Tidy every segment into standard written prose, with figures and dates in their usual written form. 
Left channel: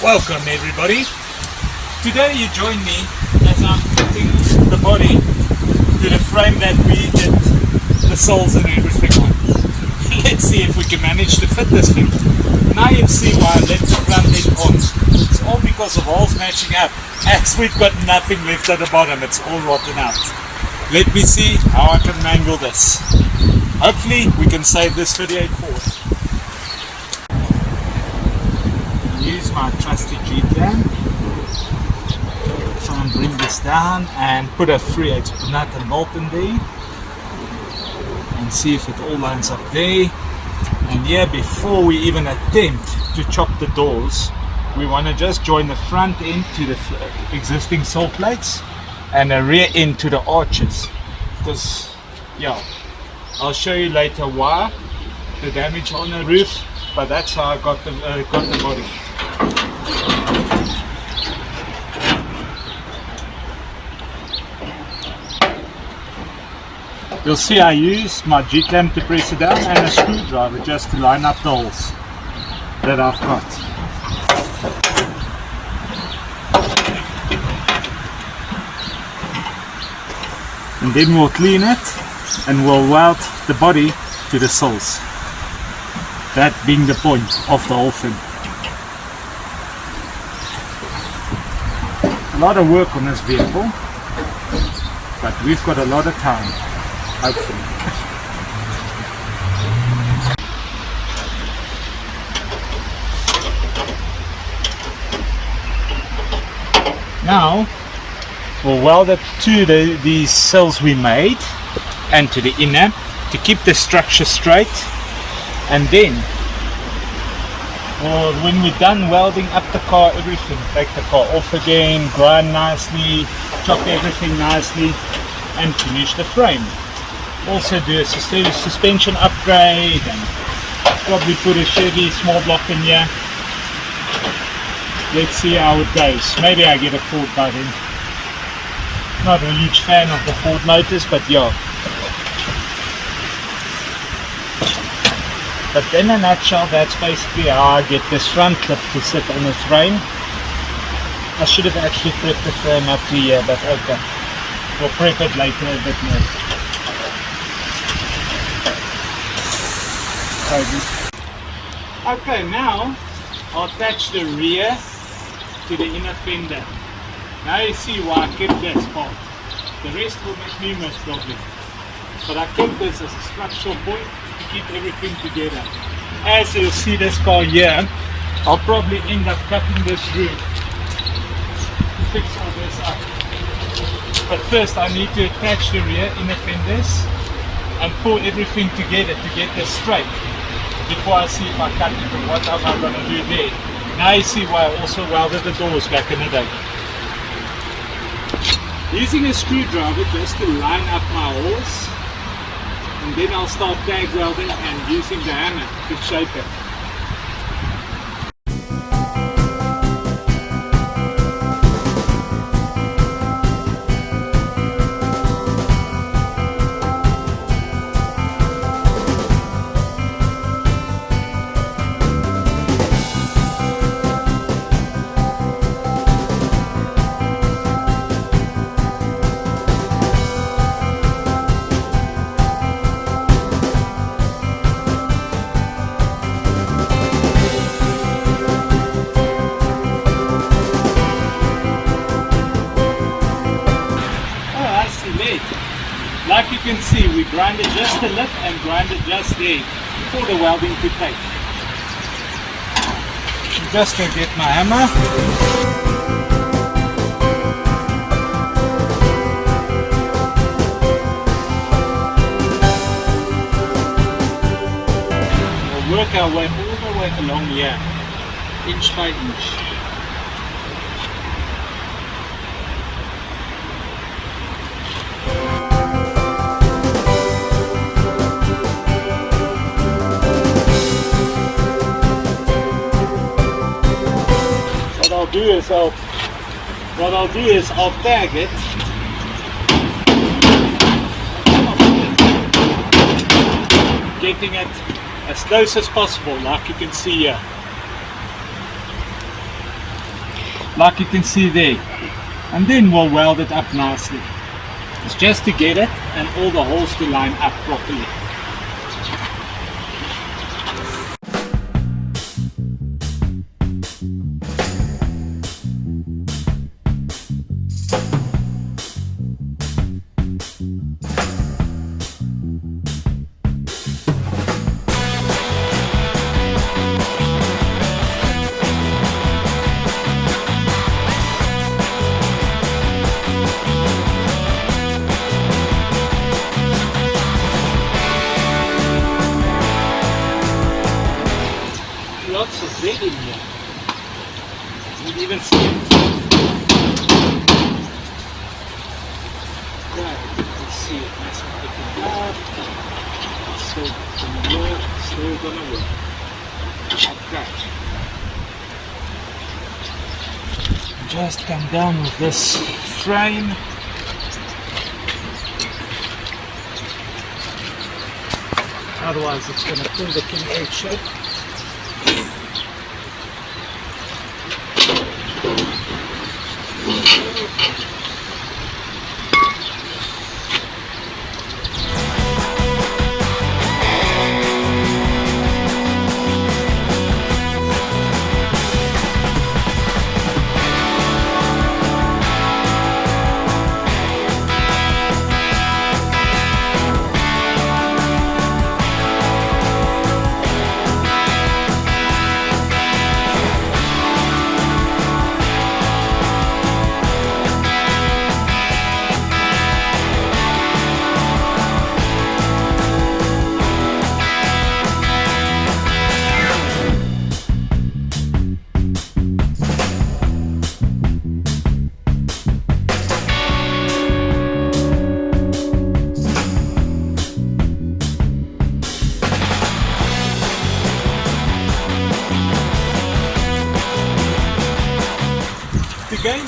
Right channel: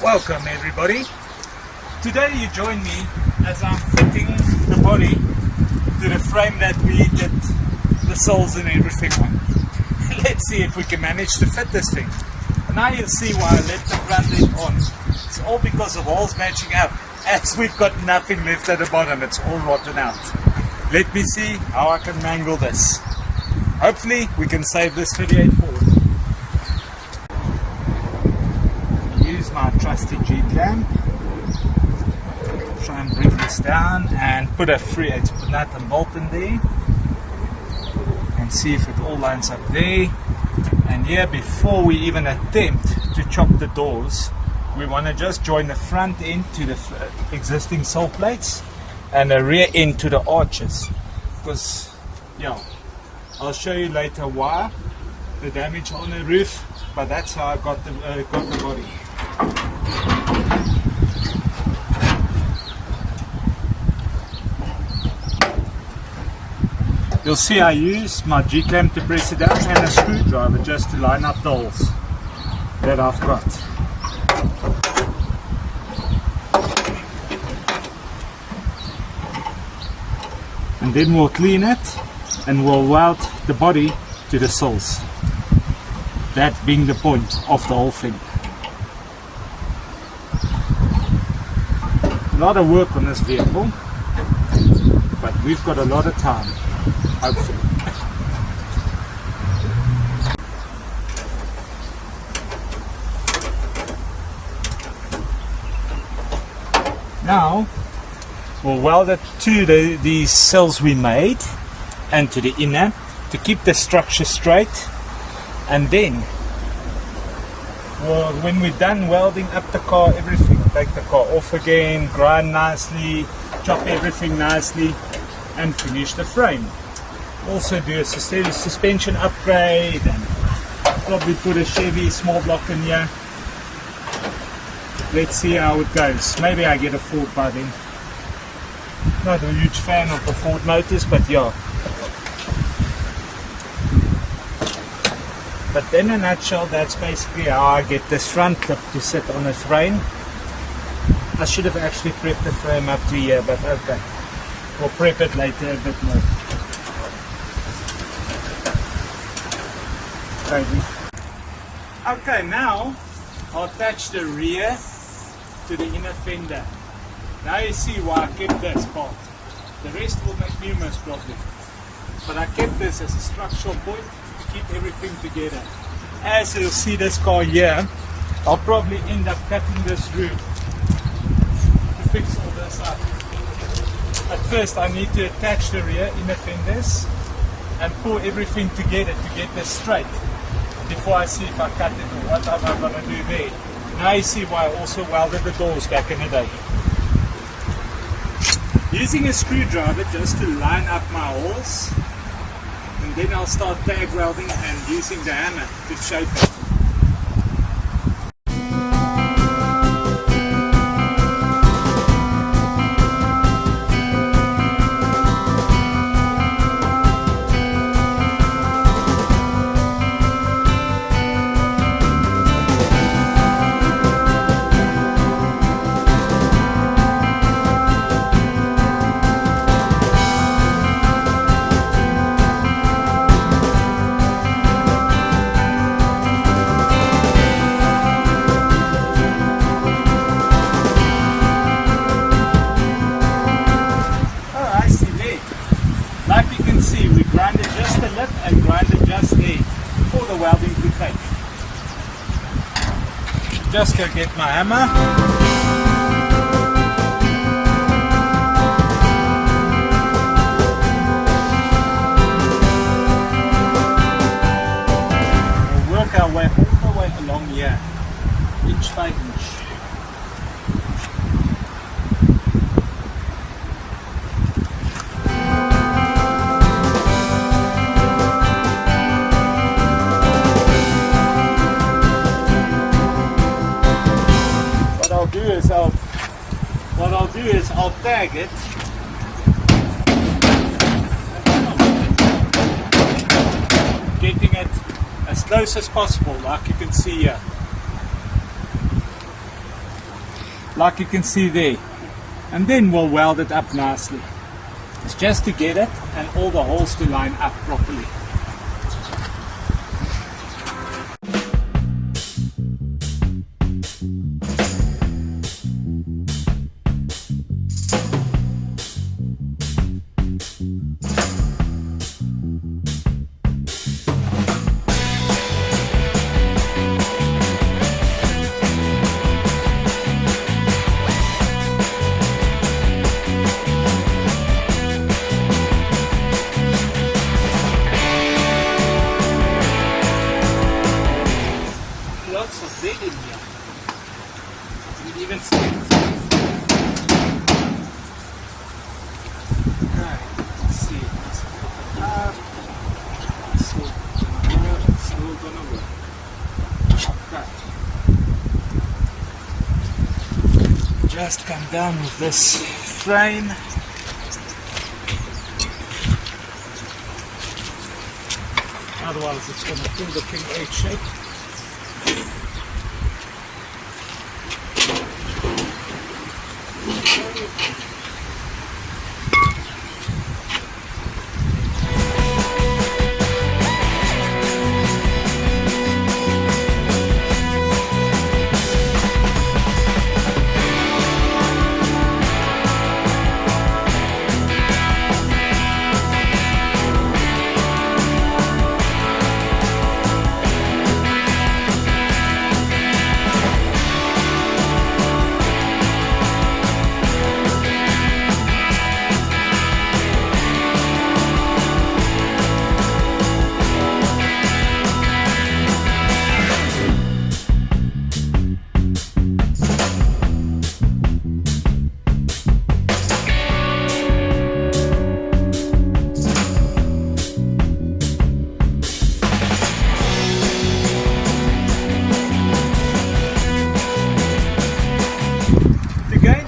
Welcome everybody. Today you join me as I'm fitting the body to the frame that we did the soles and everything on. Let's see if we can manage to fit this thing. Now you see why I left the front end on. It's all because of holes matching up. As we've got nothing left at the bottom, it's all rotten out. Let me see how I can mangle this. Hopefully we can save this video forward. Use my trusty G-clamp. Try and bring this down and put a 3/8 nut and bolt in there. And see if it all lines up there. And here, before we even attempt to chop the doors, we want to just join the front end to the existing sole plates and the rear end to the arches. Because, yeah, I'll show you later why the damage on the roof, but that's how I got the body. You'll see I use my G-clamp to press it down and a screwdriver just to line up the holes that I've got. And then we'll clean it and we'll weld the body to the soles. That being the point of the whole thing. A lot of work on this vehicle, but we've got a lot of time. Hopefully. Now we'll weld it to these cells we made and to the inner to keep the structure straight, and then when we're done welding up the car, everything, take the car off again, grind nicely, chop everything nicely and finish the frame. Also do a suspension upgrade and probably put a Chevy small block in here. Let's see how it goes. Maybe I get a Ford by then. Not a huge fan of the Ford motors, but yeah. But in a nutshell, that's basically how I get this front clip to sit on the frame. I should have actually prepped the frame up to here, but okay. We'll prep it later a bit more. Okay, now I'll attach the rear to the inner fender. Now you see why I kept this part. The rest will make numerous problems. But I kept this as a structural point to keep everything together. As you'll see this car here, I'll probably end up cutting this roof to fix all this up. But first I need to attach the rear inner fenders and pull everything together to get this straight before I see if I cut it or what am I going to do there. Now you see why I also welded the doors back in the day. Using a screwdriver just to line up my holes, and then I'll start tag welding and using the hammer to shape it. We grinded just a lip and grinded just there for the welding to take. I'm just going to get my hammer. We'll work our way all the way along here, inch by inch. What I'll do is I'll tag it getting it as close as possible, like you can see here. like you can see there, and then we'll weld it up nicely. It's just to get it and all the holes to line up properly. Lots of lead in here. You can even see it. Okay, let's see it nice and open up. Still gonna work. Okay. Just come down with this frame. Otherwise it's gonna pull the thing egg shape.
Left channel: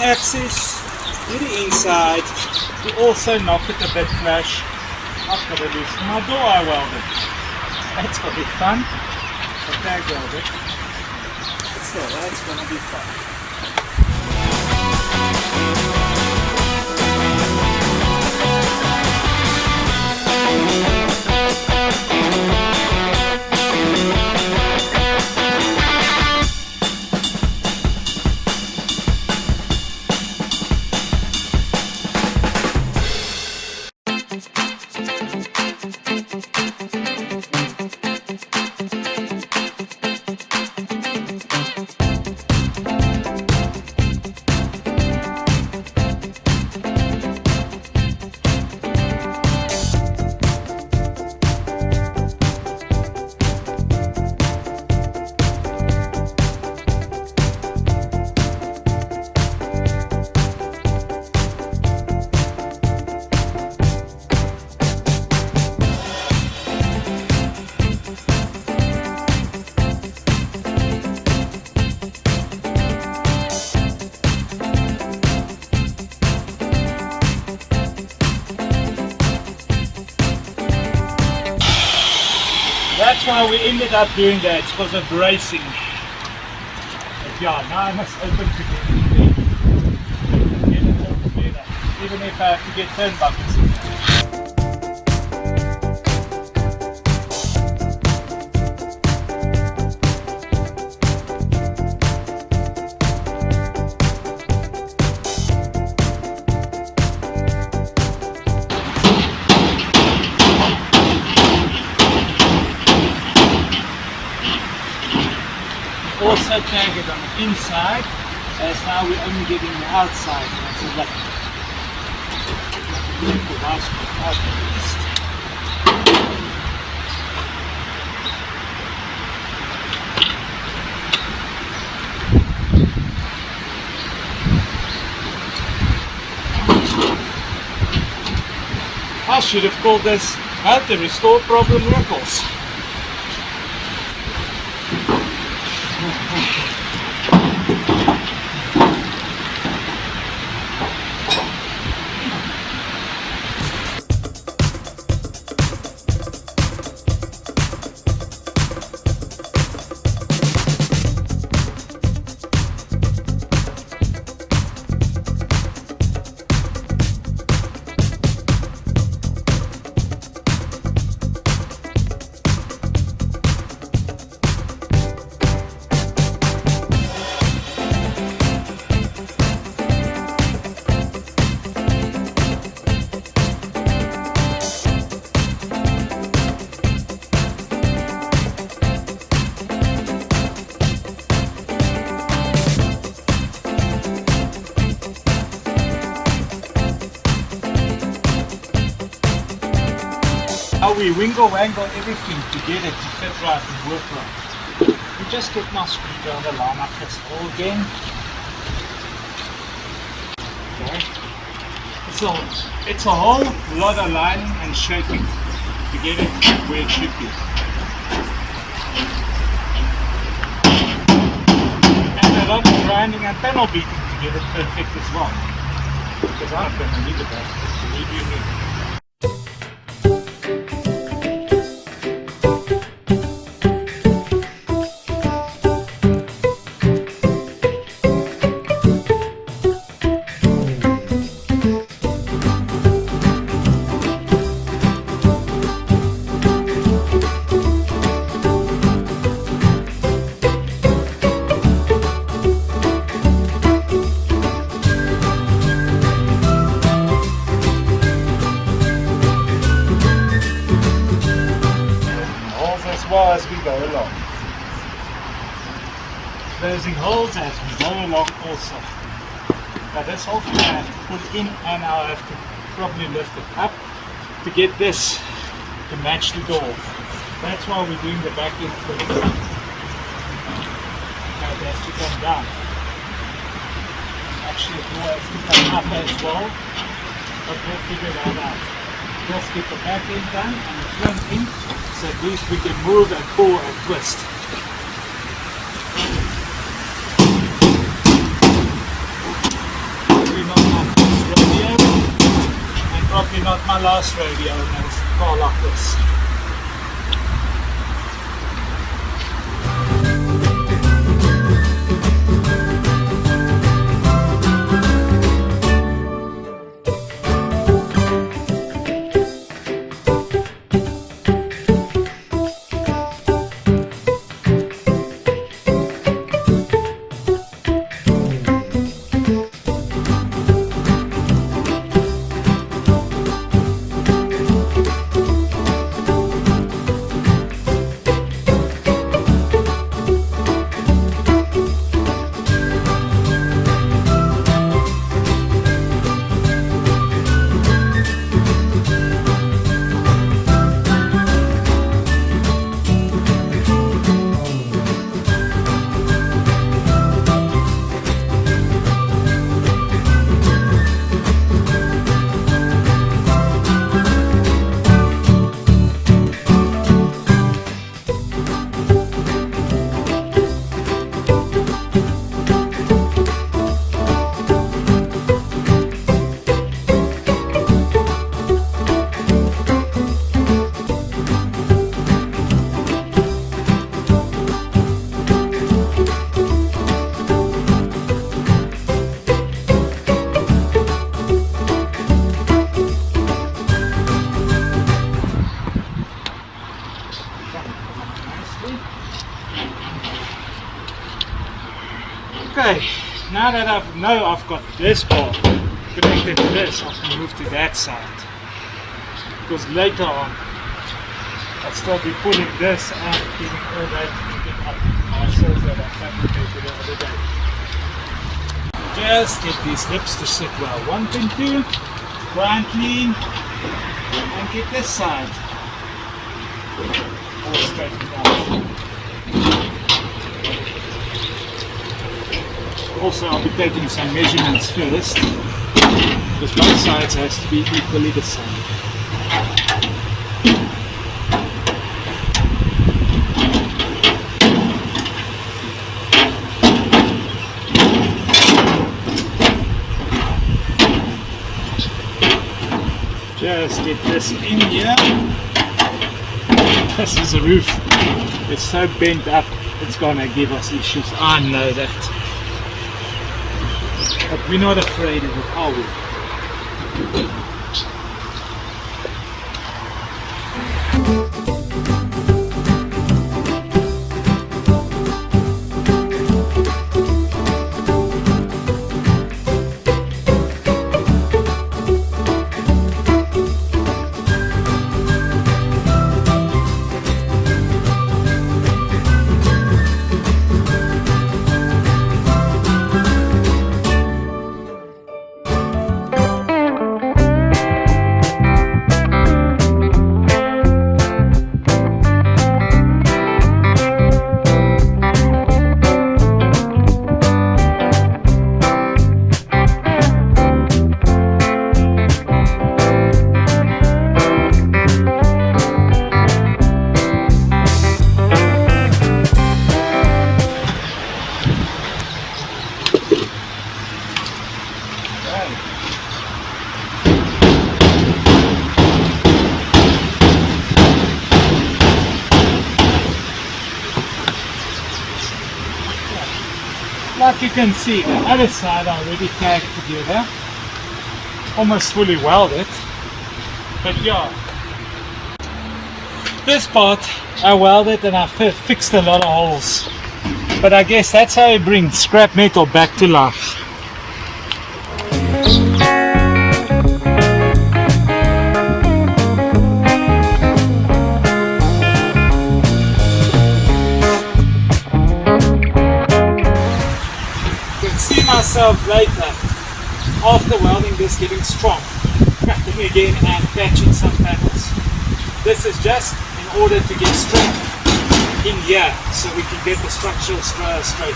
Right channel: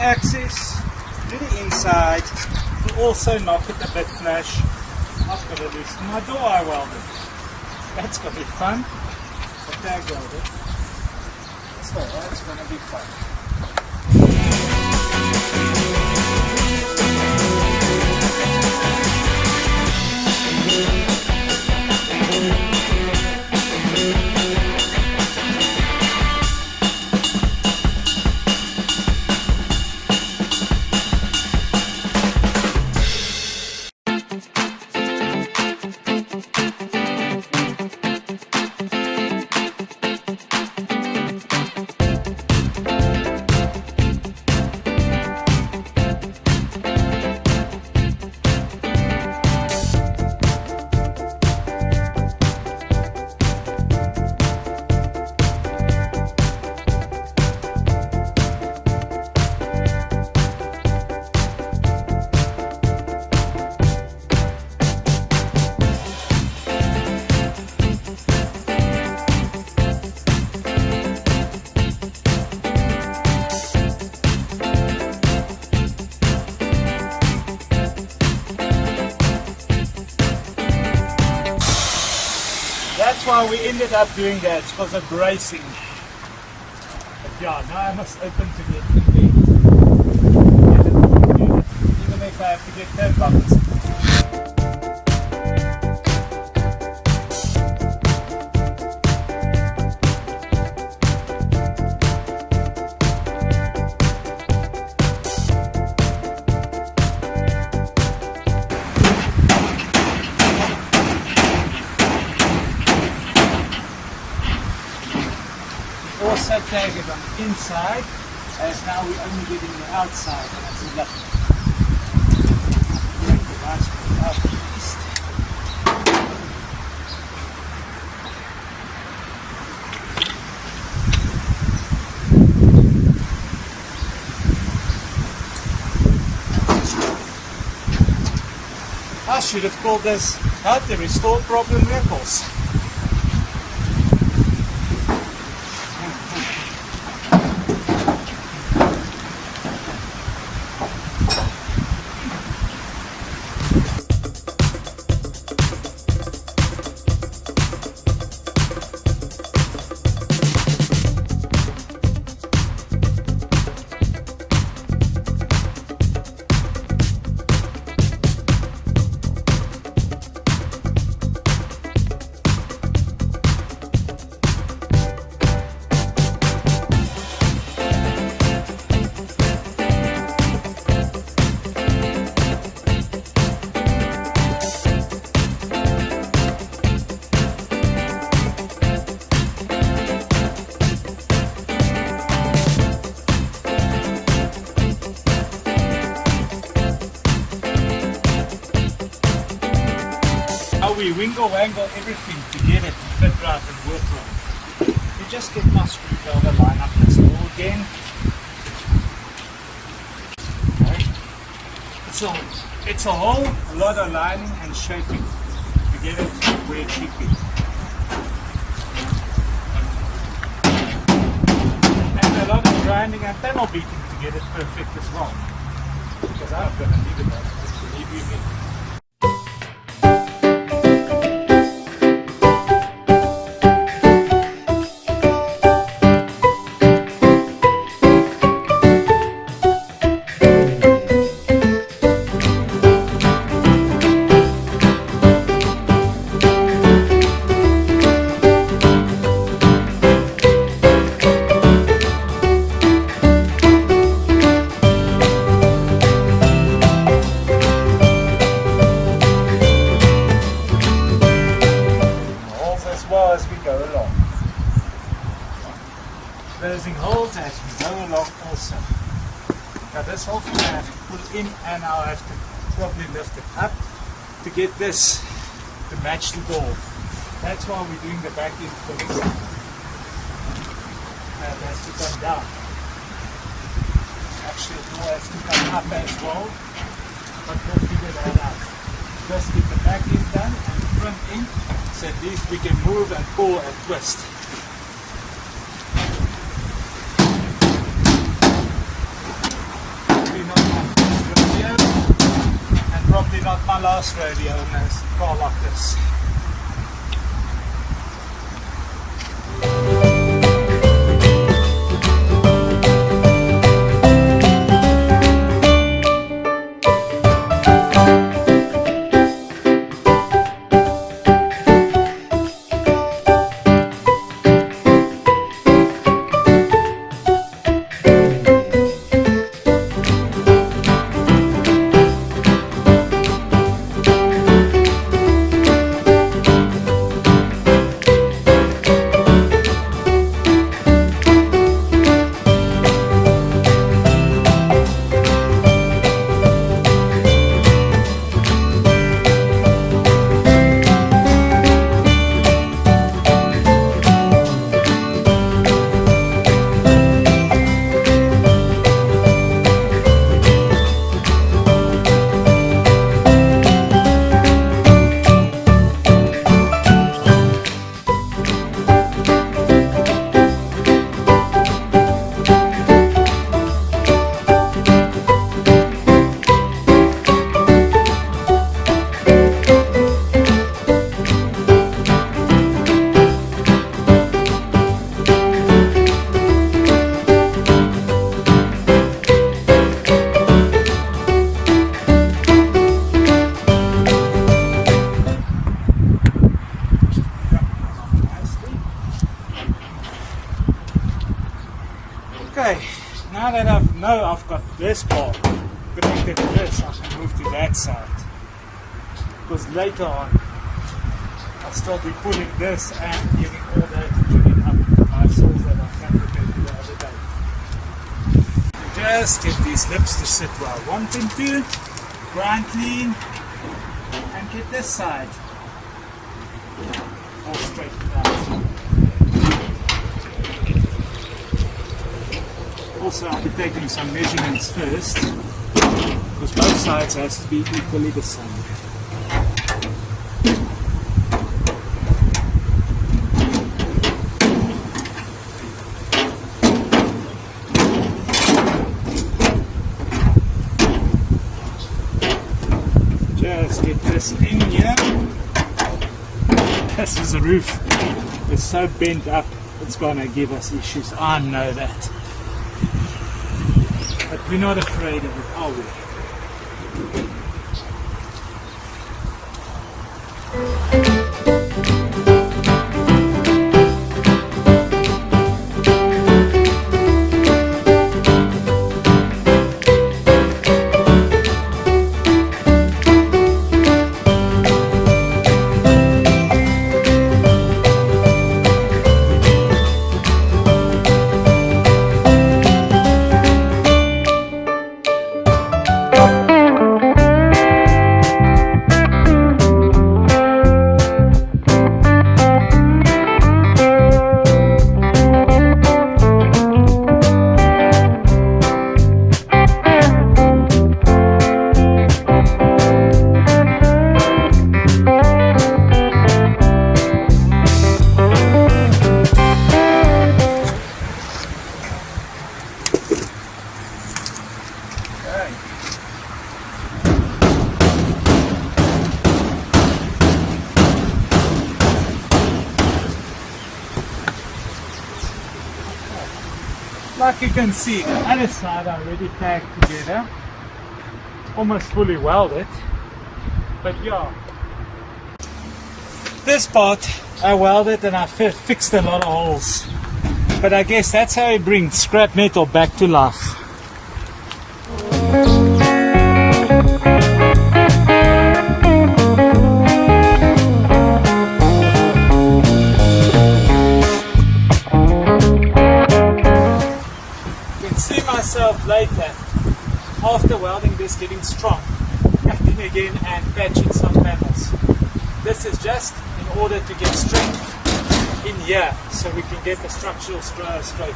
Access to the inside to also knock it a bit flush. I've got to do some more door I welded. That's going to be fun. Tag welded. But still, that's going to be fun. That's why we ended up doing that, it's because of bracing. But yeah, now I must open to it. Even if I have to get turnbuckles. Also tag it on the inside, as now we're only getting the outside. That's a lot. Nice one out at least. I should have called this how to restore problem ripples. wangle everything to get it to fit right and work right. You just get my screwdriver, line up this hole again. Okay. It's a whole lot of lining and shaping to get it where it should be. And a lot of grinding and panel beating to get it perfect as well. Because I'm going to leave it there. Leave you me. Closing holes as we go along also. Now this whole thing I have to put in and I'll have to probably lift it up to get this to match the door. That's why we're doing the back end first. Now it has to come down. Actually the door has to come up as well, but we'll figure that out. Just get the back end done and the front end so at least we can move and pull and twist. Probably not my last rodeo in a car like this. Okay, now that I know I've got this bar connected to this, I can move to that side. Because later on, I'll still be pulling this and giving all that to the muscles that I fabricated the other day. Just get these lips to sit well. 1.2, grind clean, and get this side all straightened out. Also, I'll be taking some measurements first, because both sides has to be equally the same. Just get this in here. This is the roof. It's so bent up, it's gonna give us issues. I know that. But we're not afraid of it, are we? Like you can see, the other side I already tagged together, almost fully welded. But yeah, this part I welded and I fixed a lot of holes. But I guess that's how you bring scrap metal back to life. See myself later, after welding this, getting strong, cutting again and patching some panels. This is just in order to get strength in here so we can get the structural straight.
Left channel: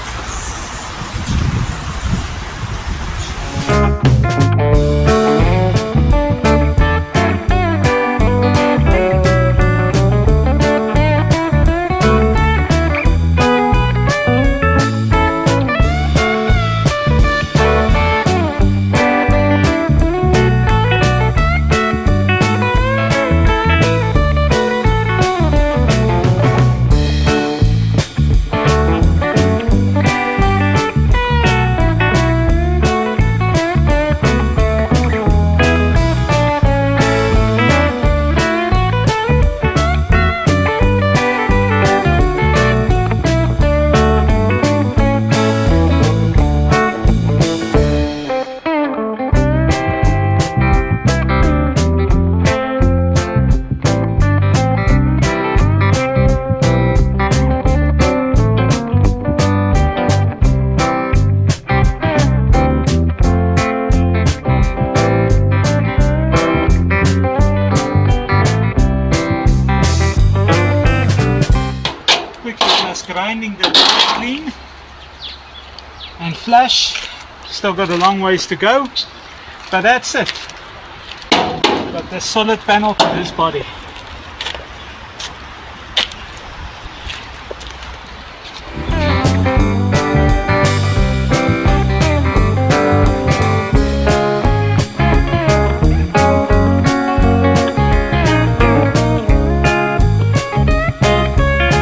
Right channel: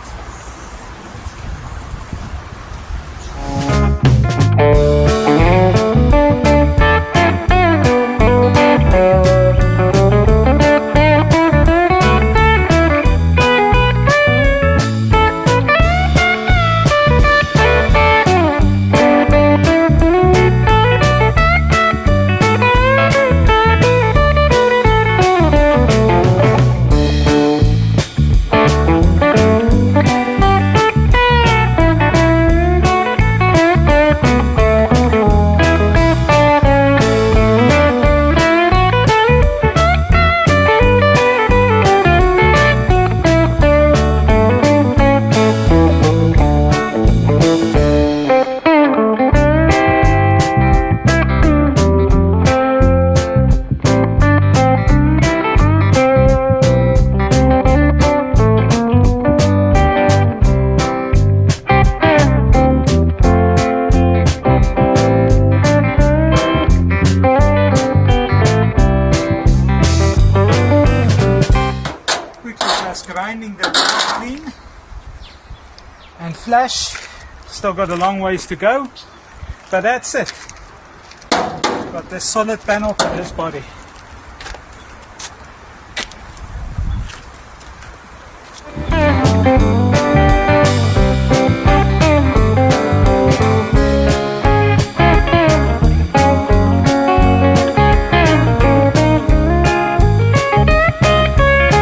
Grinding the clean and flush. Still got a long ways to go, but that's it. Got this solid panel to this body.